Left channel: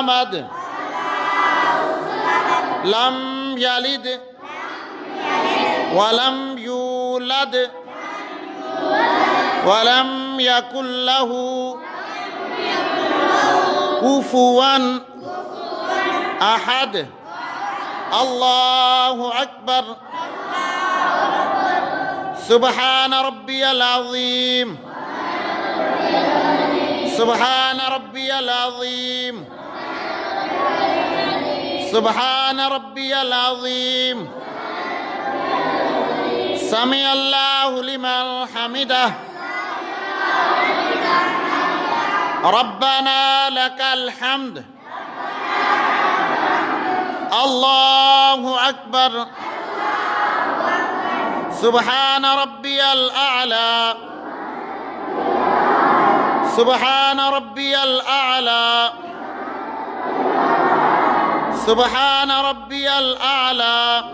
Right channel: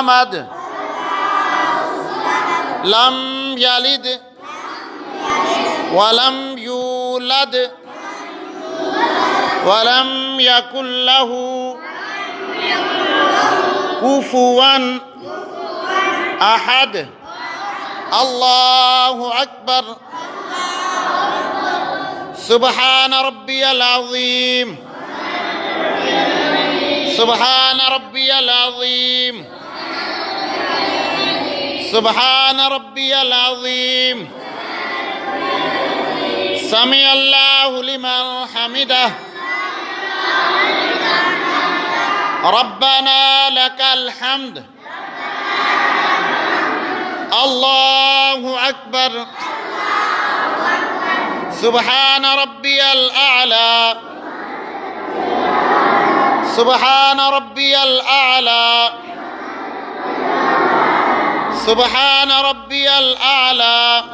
محمد لم يلد ولم يولد ولم يكن له كفوا أحد. الله أكبر. سبحان ربي العظيم. سبحان ربي العظيم. سبحان ربي العظيم. سمع الله لمن حمده. ربنا لك الحمد. الله أكبر. سبحان ربي الأعلى. سبحان ربي الأعلى. سبحان ربي الأعلى.